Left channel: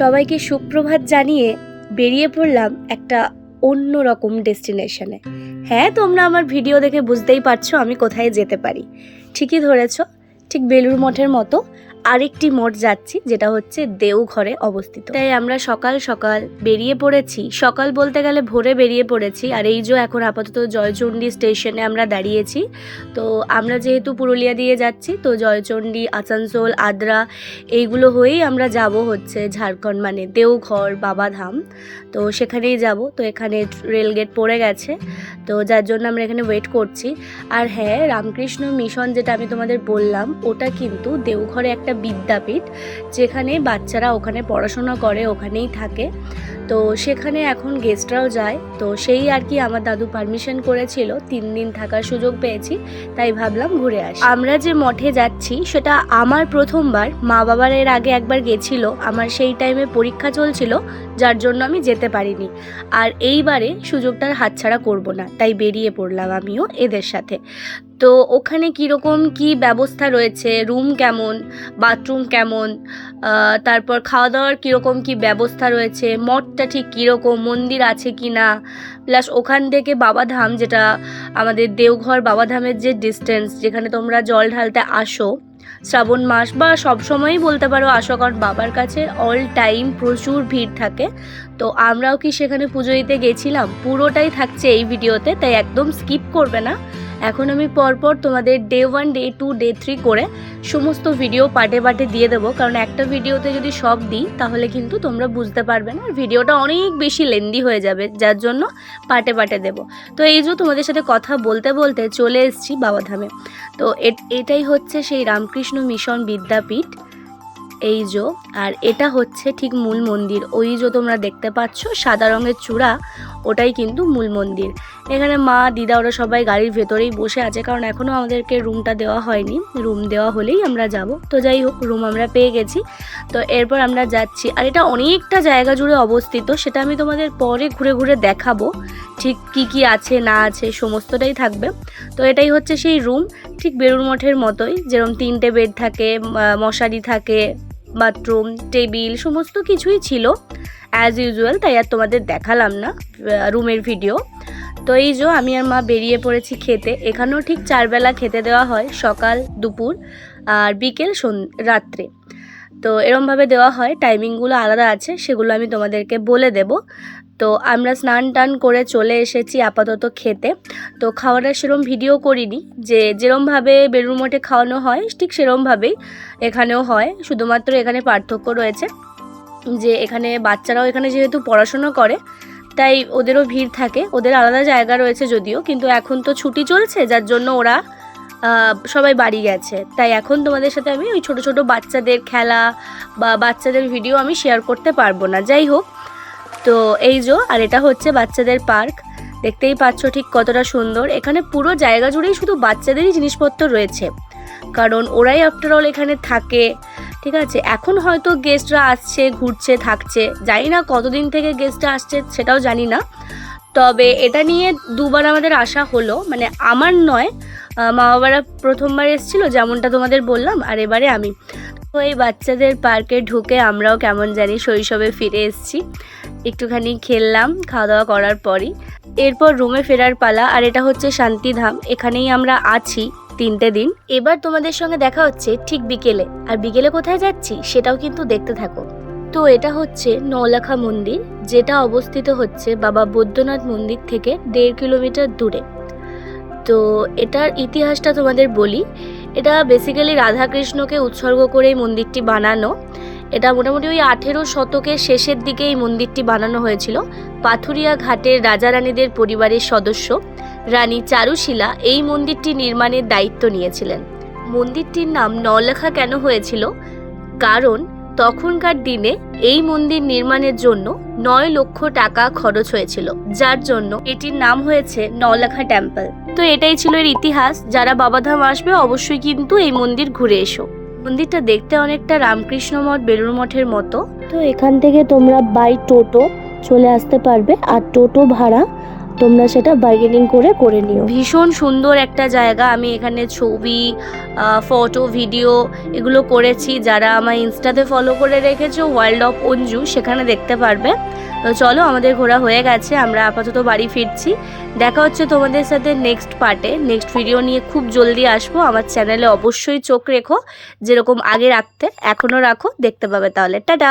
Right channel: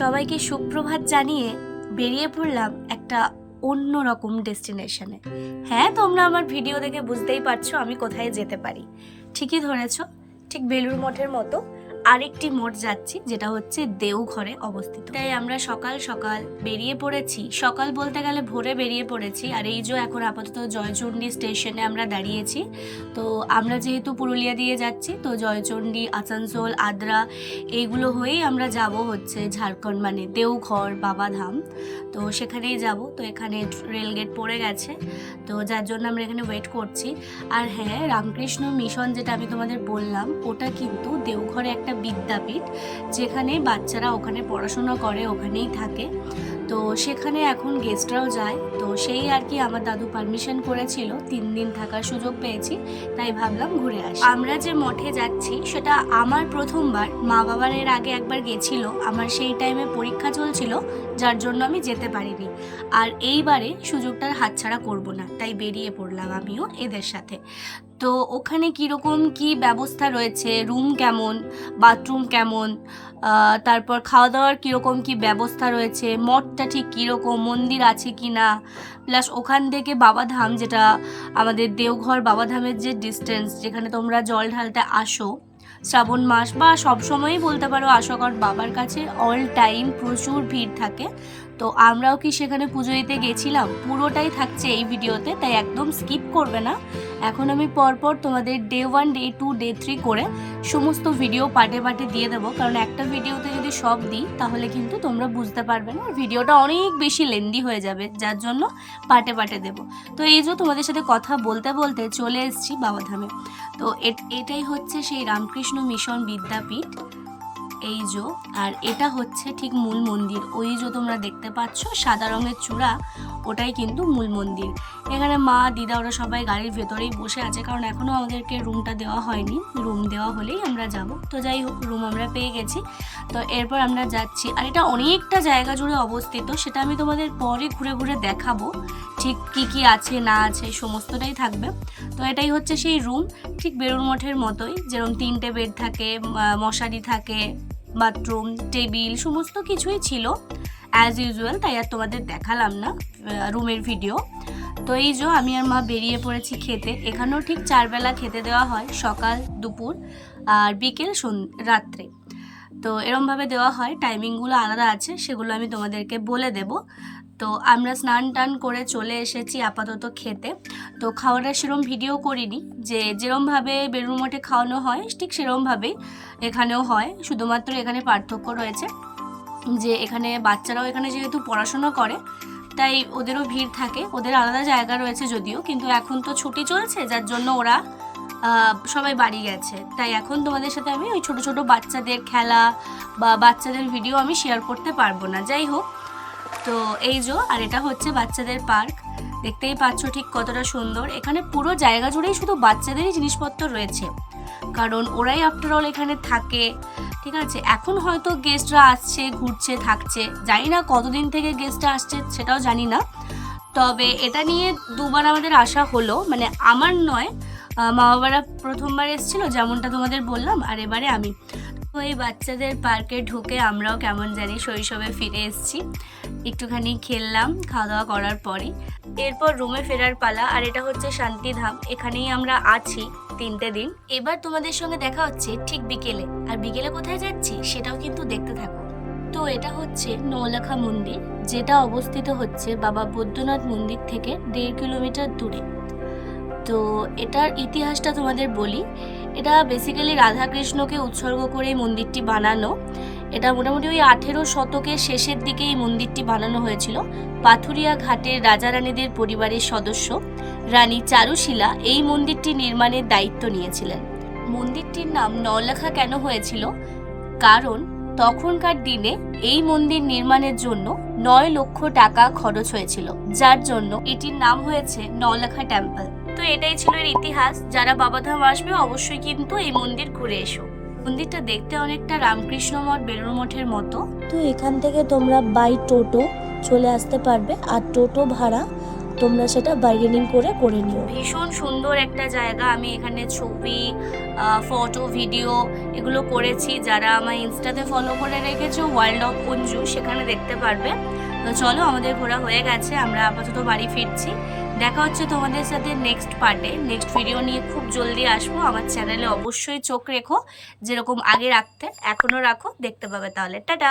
সবাইকে সুপ্রভাত জানিয়ে বেরিয়ে পড়লাম একটা অন্য রকম ডেস্টিনেশনে। হ্যাঁ তোমরা আমার ভিডিও দেখে বুঝতেই পারছ আমি কোথায় যেতে পারি। ঠিকই ধরেছ, ঠিক বেলুর মঠের মতো। আরেকটি মঠ যাচ্ছি, যেটা হচ্ছে দেওঘরে অবস্থিত। তাই আমরা সকাল সকাল বেরিয়ে পড়েছি। সকাল বলতে গেলে ভোরে বেরিয়ে পড়েছি। আর এই যে এখন আপাতত জয়চণ্ডী স্টেশনে আমরা দাঁড়িয়েছি, তো আমরা যেহেতু পুরুলিয়া দিয়ে যাচ্ছি, তো জয়চণ্ডী, আসানসোল, আদ্রা এইগুলো হয়েই আমরা যাব হচ্ছে ঝাড়খণ্ড মানে দেওঘর, বাবাধাম। তো সেখানেই যাব। তো এখানে রেলগেট পড়ে গেছে। তো যার জন্য আমরা এখানে ওয়েট করছি। আর হ্যাঁ রামকৃষ্ণ মিশন যেটা আমি তোমাদের বললাম, ওটা কিন্তু দেওঘরে একটা বিদ্যাপীঠ যেখানে বাচ্চারা ওখানে পড়াশোনা করে, ওখানেই থাকে। তো সেখানে এখন গেস্টরাও যায়। তো সেই আর কি আমার দাদু পারমিশন করেছিল, তিন দিন থাকার সুযোগ পেয়েছি, তাই ভাবলাম ঘুরে আসি। আমরা যে মঠে যাচ্ছি, সেটা আমার প্রথমবার। মা বাবার এর আগে একবার গেছিল, আমার সেই টাইমে পরীক্ষা চলছিল যার জন্য আমি যেতে পারিনি। আর এইবারে সুযোগটার হাতছাড়া করব না, তাই বেরিয়ে পড়লাম আমিও এদের সাথে। তো ওখানে কীরকম কি ব্যবস্থা রয়েছে? রুম কেমন? বাথরুম কেমন? তারপর খাওয়া দাওয়ার কীরকম কি ব্যবস্থা রয়েছে? মঠটা ঠিক কীরকম? মন্দির আছে কি না প্লাস ওখান থেকে বাবাধাম, যেটা আমাদের দেওঘর বাবাধামের যে ডিস্টেন্স যেখানে তোমরা জল ঢালতে আসো শ্রাবণ মাস বা সবসময়ই বলতে পারো আশাকর বাবার কাছে অল টাইম প্রচুর ভিড় থাকে। তো আমরাও কি সেখানে পুজো দিতে গেছিলাম? পুরোটাই থাকছে এই ভিডিওতে তাই একদম স্কিপ করবে না। এখন আমি পরপর তোমাদের day one day two day three করে সমস্ত ভিডিও পার্টে পার্টে দিয়ে দেবো। কারণ একটা ভিডিওতে যদি সব দিই, তাহলে কিন্তু তোমরা বুঝতে পারবে না। ভিডিওটা অনেক বেশি লেন্দি হয়ে যাবে, যার জন্য পার্টে পার্টে দেবো। তো এই যে তোমাদের সাথে কথা বলতে বলতে চলে এসেছি বাবাধামে। তো এট- এটাই হচ্ছে সেই রামকৃষ্ণ মিশন বিদ্যাপীঠ। এই যো আর এটা হচ্ছে ঠিক মূল মন্দির। ওই যে তোমরা দেখতে পাচ্ছ, সাদা রঙের চূড়া, ওটাই কিন্তু মূল মন্দির। এখানে মা, দিদা, ওরা সবাই গাড়ির ভেতরেই বসে আছে, কারণ এখনও আমাদেরকে রুমটা দেওয়া হয়নি। রুম দেওয়া হলেই আমরা যাব। তো যাই হোক, রুম আমরা পেয়ে গেছি। তো এরপর আমরা যাচ্ছি, আর এটা অনেকটা জায়গা জুড়ে অবস্থিত, সেটা আমি তোমাদের পরে ঘুরে ঘুরে দেখাবো, ঠিক কি কি আছে, না আছে, সমস্তটাই থাকবে। তো এটাই হচ্ছে সেই রুম, ঠিক বেলুর মঠের মতোই, যেরকম তিনটে বেড থাকে মশারি থাকে বাথরুম, টেবিল, সমস্ত কিছুই ছিল। অ্যাজ ইউজুয়াল তাই আর তোমাদের দেখালাম না রুমের ভিডিও তো এই যে আমি আর মা বেরিয়ে পড়েছি খেতে। এখানেও ঠিক চারবেলা খেতে দেওয়া হয়, সকাল, দুপুর আর বিকেল রাত্রে। তো এরমভাবে দেওয়া হয় টাইমিংগুলো আলাদা আছে, সেগুলো আমি তোমাদেরকে বলে দেব। তো আমরা স্নান টান করে চলে এসেছি আপাতত খেতে। তো খাওয়াটা সেরম ভিডিও করিনি যে যেরমভাবে বেলুর মঠে খাওয়ানো হয়, ঠিক সেরমভাবেই এখানেও হয়। শুধুমাত্র এখানে পার্থক্য রয়েছে যে এখানে বাচ্চারাও এখানে যেহেতু পড়াশোনা করে, তাই ওদেরও ভিড় থাকে। ওদের আলাদা জায়গা রয়েছে যদিও, কিন্তু এখন তো ছুটি চলছে, যার জন্য ওরা সবাই বাড়ি গেছে। তাই এখন তোমাদের সাথে আমি ওই ছোট ছোট বাচ্চাদের খেলা বা বাচ্চাদের ভিডিও আমি শেয়ার করতে পারব না। যাই হোক তো এই যো, আর এটা হচ্ছে বাচ্চাদের পার্ক। দেখতেই পাচ্ছ ঠিক কতটা সুন্দর। এখানে পুরো জায়গা জুড়েই শুধু বাচ্চাদেরই জিনিসপত্র রয়েছে। কারণ ওরাই আফটার অল এখানে থাকে, ঠিক আছে? এখন হয়তো গেস্টরা আসছে, ঘুরছে, থাকছে। জানি না কতদিন থেকে গেস্টরা আসছে, সেটাও জানি না। তবে এটা নিয়ে দুবার আমাদের আসা হলো। মানে আমার নয় মা বাবারা প্রথমবার এসেছিল, যেমনটা তোমাদের বললাম, আর এবারে আমি। তো এই বাচ্চাদের পার্কে ঢুকে আমরাও কেমন জানি শৈশবে ফিরে এসেছি। একটুখানি খেললাম খাওয়া দাওয়া করার পরই। এরপর রুমে ফেরার পালা, আর এটা হচ্ছে শান্তিধাম। এখানেই আমরা আছি তিনটে দিন। এবার তোমাদের সঙ্গে দেখা হচ্ছে ঠিক বিকেলে। আর বিকেলে কোথায় যাচ্ছি সেটাও কিন্তু দেখতে থাকো। তো এটা হচ্ছে নৌলাখা মন্দির, যেটা অবস্থিত হচ্ছে বাবা বৈদ্যনাথ মন্দির থেকে দেড় কিলোমিটার দূরে। তো এটার ইতিহাসটা তোমাদের বলি। এটা বেসিক্যালি রাধাকৃষ্ণকে উৎসর্গ করে মন্দিরটি বানানো। এটা মোটামুটি ওই আঠেরো শতকের শেষের দিকে এই মন্দিরটি বানানো হয়েছিল। পাথুরিয়া ঘাটের রাজা রানীদের পরিবারের সদস্য রানী চারুশিলা এই মন্দিরটি নির্মাণের দায়িত্ব নিয়েছিলেন। মন্দিরটির নাম নওলাখা কেন হয়েছিল? কারণ তখনকার দিনে এই মন্দির নির্মাণের জন্য নয় লক্ষ টাকা খরচ হয়েছিল, যার জন্য এটির নাম হয়েছে নওলাখা টেম্পল। তো এটাই ছিল এর ইতিহাস, যারা বাবাধাম আসবে অবশ্যই কিন্তু এই মন্দির ঘুরে এসো। মন্দিরটা দেখতে অনেকটা রামকৃষ্ণ মঠ বেলুর মঠের মতো। তো এখান থেকে তোমরা বাই টোটো চলে আসতে পারবে আর টোটো ভাড়া তোমরা সেটা বার্গেনিং করে করে নিও। ভীষণ সুন্দর একটা জায়গা। আমি এখানে ছবি ফটো ভিডিও এগুলো করেছি। যারা আমার ইনস্টাতে ফলো করে রেখেছে ওয়ার্ল্ড অফ অঞ্জু সেখানে দেখতে পারবে। তো চলো, আমাদের ঘোরা হয়ে গেছে, আমরা আপাতত বাড়ি ফিরছি। দেখা হচ্ছে তোমাদের সাথে নেক্সট পার্টে নেক্সট ভিডিও নিয়ে খুব জলদি আসব। আমার চ্যানেলে অবশ্যই চোখ রেখো, যেরকম আগে রাখতে, এখনও রাখো, দেখতে পাবে তাহলে। টাটা!